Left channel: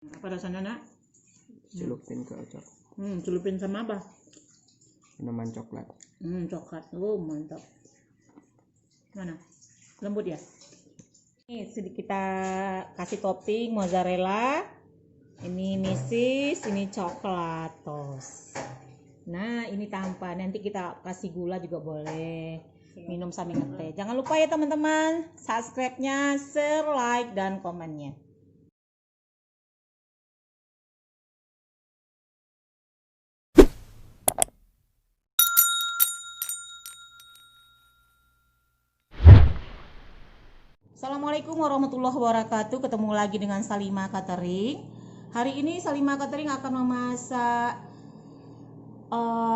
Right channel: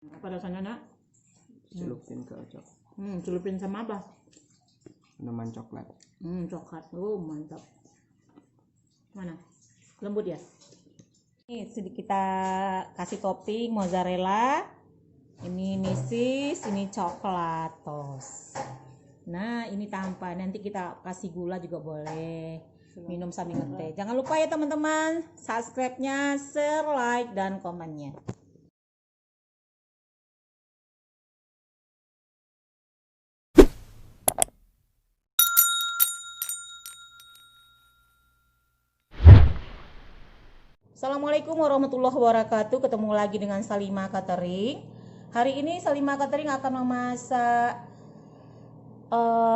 Apa rasanya, Nak? Celupin ke coklat. Celupin sama apa? Minuman coklat. Coklat. Oh, mantap. Mana? Lembut ya? Ini sedikit kita kasih topping mozzarella. Ini misis, ini coklat tos. Nah, ini tanpa. Nanti kita kasih gula juga boleh. Minum sambil ngeteh. Jangan lupa ya teman-teman, subscribe-nya, share, like, dan komennya. Assalamualaikum warahmatullahi wabarakatuh. Ketemu lagi dengan Salimah Catering. Hari ini Salimah Catering akan memasak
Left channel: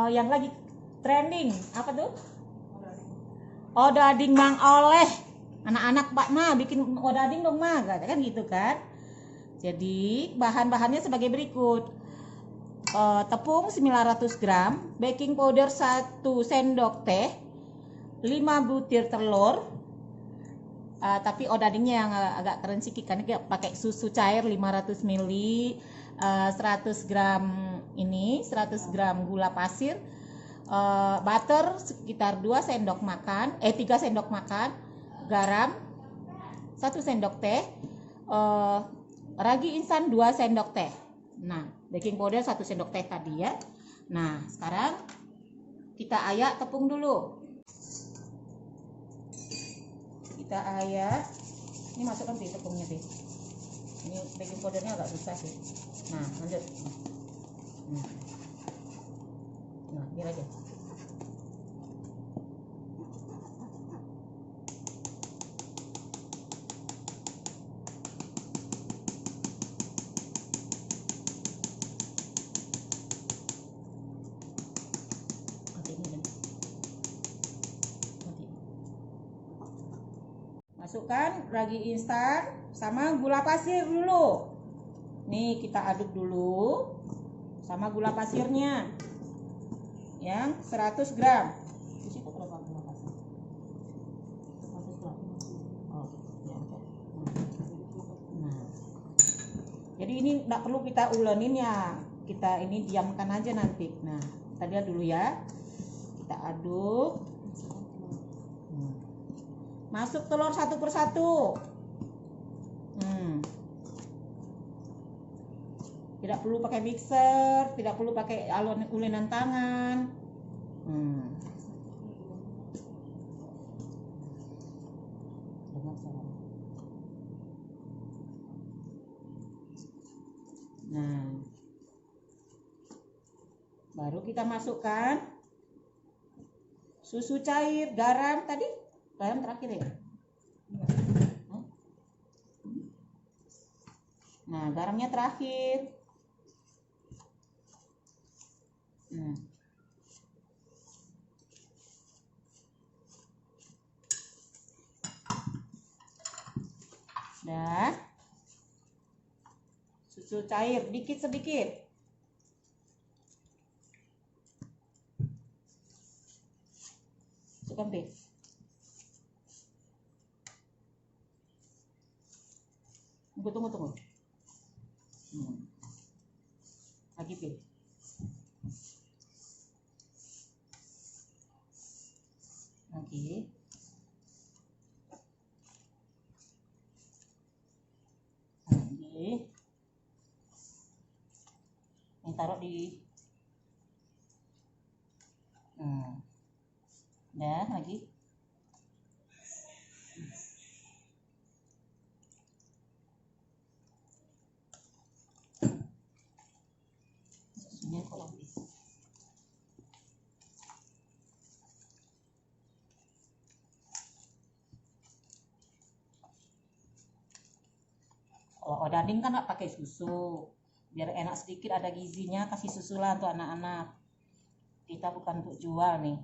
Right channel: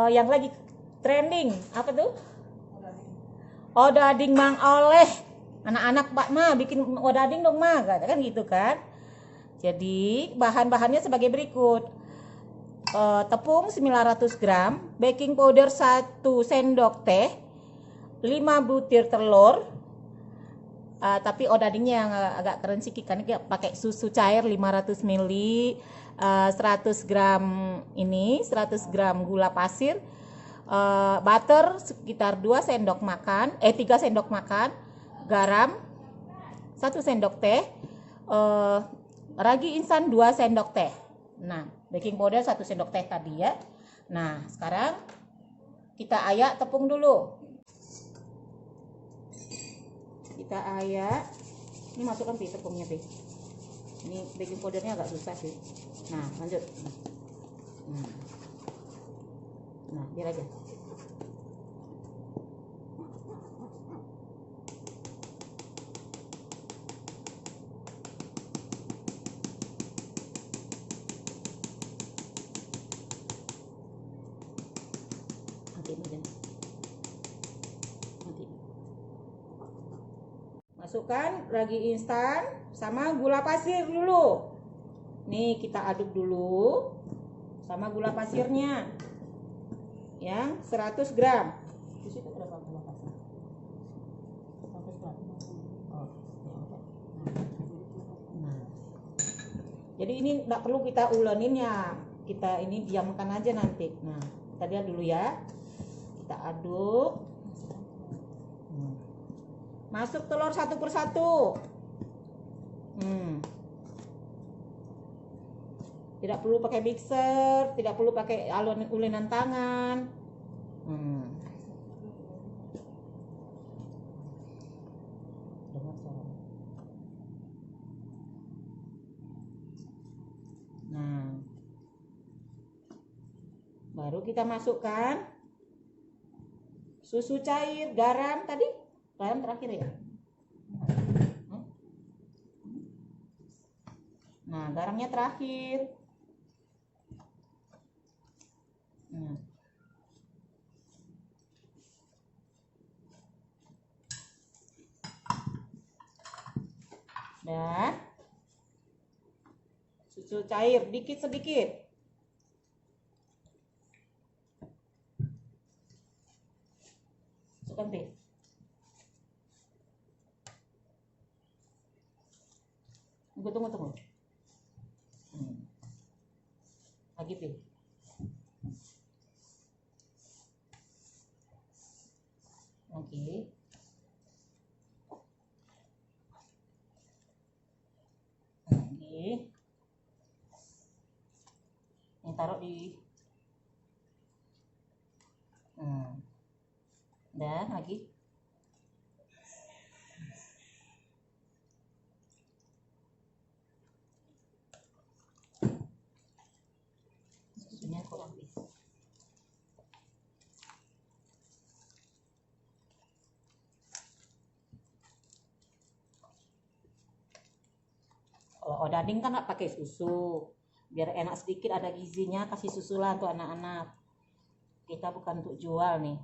yang lagi trending. Apa tuh? Odading Mang Oleh. Anak-anak Pak Ma bikin odading dong Ma, kan gitu kan. Jadi bahan-bahannya sebagai berikut. Tepung 900 gram, baking powder 1 sendok teh, 5 butir telur. Tapi odadingnya yang agak keren sih, karena kita pakai susu cair 500 ml, 100 gram ini, 100 gram gula pasir, butter sekitar 2 sendok makan, 3 sendok makan, garam 1 sendok teh, ragi instan 2 sendok teh. Nah, baking powder 1 sendok teh tadi ya. Nah, sekarang kita ayak tepung dulu. Kita ayak. Ini masukkan tepungnya Pi. Ini baking powdernya agak susah sih. Nah, lanjut. Nah, biar aja. Masukkan ragi instan sama gula pasir dulu. Nih kita aduk dulu sama gula pasirnya yang 100 gram. Di situ berapa gula pasir? 100 gram. Oh, ya. Nah. Jadi ini tidak perlu kita ulenin ya. Kita ini diamkan aja nanti. Nah, kita lihat dulu ya. Kita aduk. Masuk telur satu persatu. Tidak perlu pakai mixer, tidak perlu pakai ulenan tangan. Nah, baru kita masukkan susu cair, garam tadi. Garam terakhir ya. Nah, garamnya terakhir. Dan susu cair dikit sedikit. Masukkan Pi. Tunggu. Lagi Pi. Oke. Ini taruh di. Dan lagi. Kalau odading kan nggak pakai susu, biar enak sedikit, ada gizinya, kasih susu lah untuk anak-anak. Kita bukan untuk jual nih.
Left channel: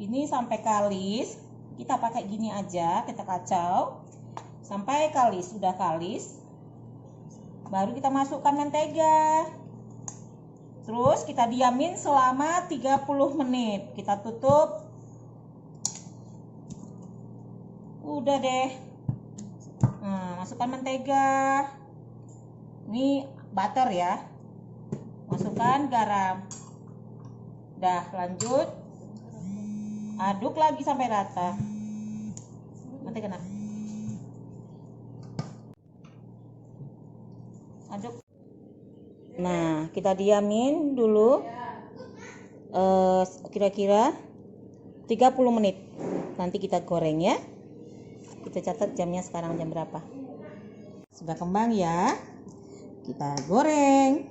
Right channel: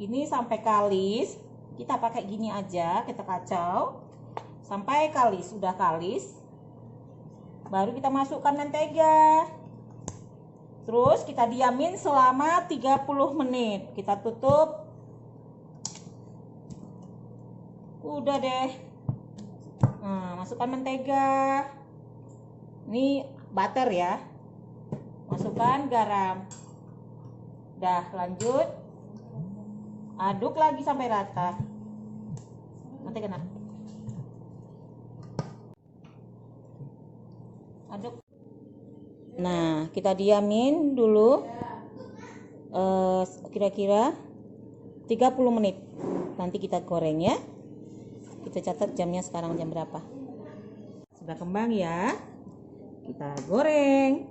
Ini sampai kalis, kita pakai gini aja, kita kacau sampai kalis. Sudah kalis, baru kita masukkan mentega. Terus kita diamin selama 30 menit. Kita tutup. Udah deh. Nah, masukkan mentega. Ini butter ya. Masukkan garam. Udah, lanjut. Aduk lagi sampai rata. Mentega nak. Aduk. Nah, kita diamin dulu kira-kira 30 menit. Nanti kita goreng ya. Kita catat jamnya sekarang jam berapa. Sudah kembang ya. Kita goreng.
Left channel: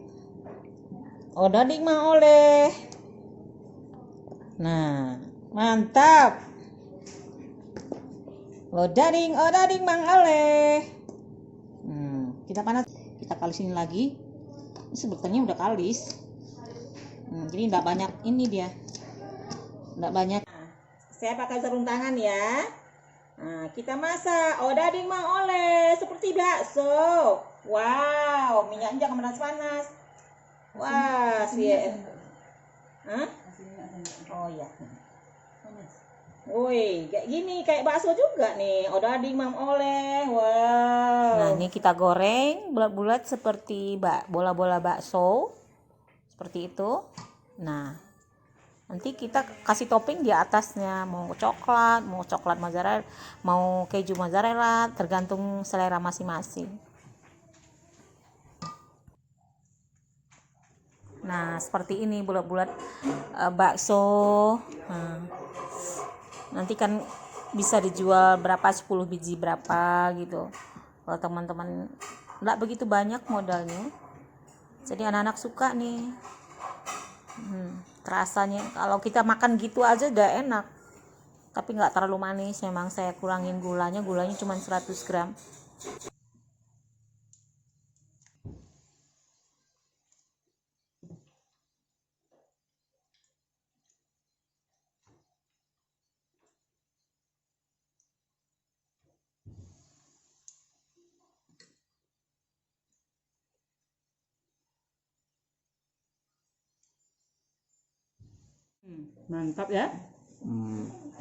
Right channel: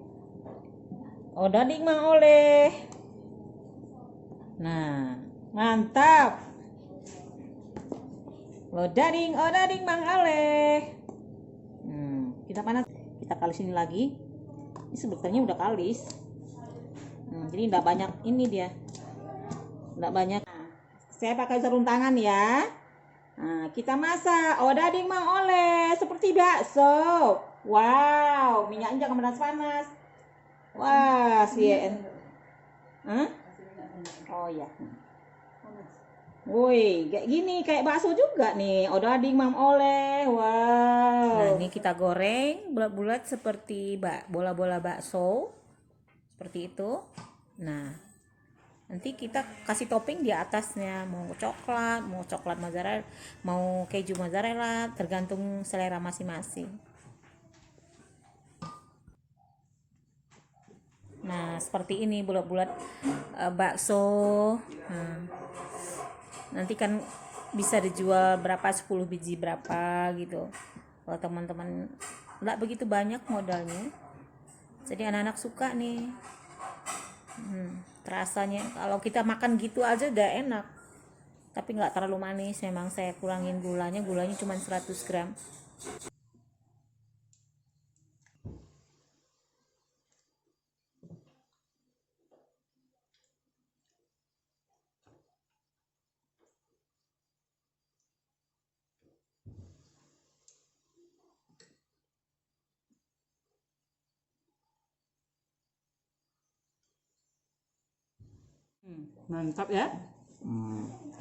Odading Mang Oleh. Nah, mantap. Odading Mang Oleh. Kita panas. Kita kalisin lagi. Ini sebetulnya udah kalis. Jadi enggak banyak ini dia. Enggak banyak. Saya pakai sarung tangan ya. Nah, kita masak odading Mang Oleh seperti bakso. Wow, minyaknya jangan panas-panas. Wah, Oh ya. Woi, kayak gini, kayak bakso juga nih. Odading Mang Oleh. Wow. Nah, ini kita goreng bulat-bulat seperti bola-bola bakso. Seperti itu. Nah, nanti kita kasih topping di atasnya, mau coklat mozzarella, mau keju mozzarella, tergantung selera masing-masing. Nah, seperti ini bulat-bulat bakso. Nanti kan bisa dijual berapa, 10 biji berapa gitu. Kalau teman-teman enggak begitu banyak modalnya. Jadi anak-anak suka nih. Rasanya kalau kita makan gitu aja udah enak, tapi nggak terlalu manis. Memang saya kurangin gulanya cuma 100 gram. Mantap ya.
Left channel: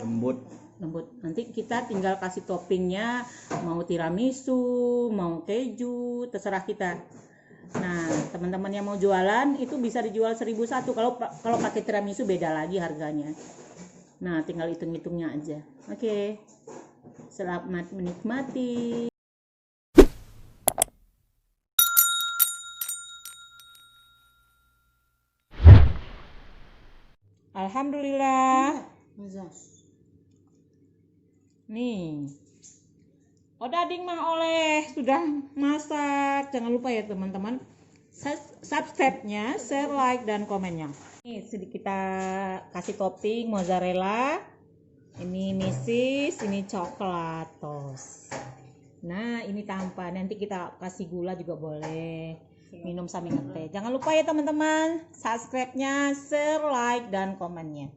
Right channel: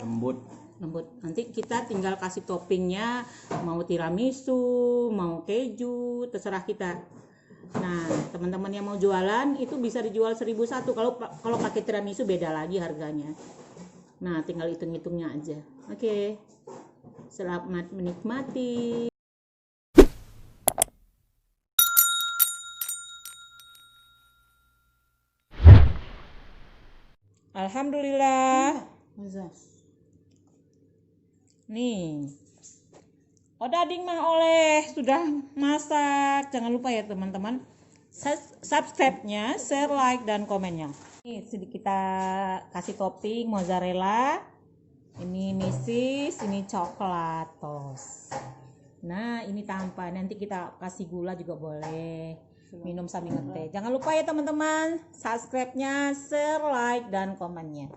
Lembut. Nanti kita tinggal kasih toppingnya, mau tiramisu, mau keju, terserah kita. Nah, teman-teman yang mau jualan itu bisa dijual 1.001. Kalau pakai tiramisu beda lagi harganya. Nah, tinggal hitung-hitungnya aja. Oke. Selamat menikmati. Alhamdulillah. Nih, odading Mang Oleh sudah masak. Jangan lupa ya teman-teman, subscribe-nya, share, like, dan komennya. Ini sedikit kita kasih topping mozzarella. Ini misis, ini coklat tos. Nah, ini tanpa. Nanti kita kasih gula juga boleh. Minum sambil ngeteh. Jangan lupa ya teman-teman, subscribe-nya, share, like, dan komennya.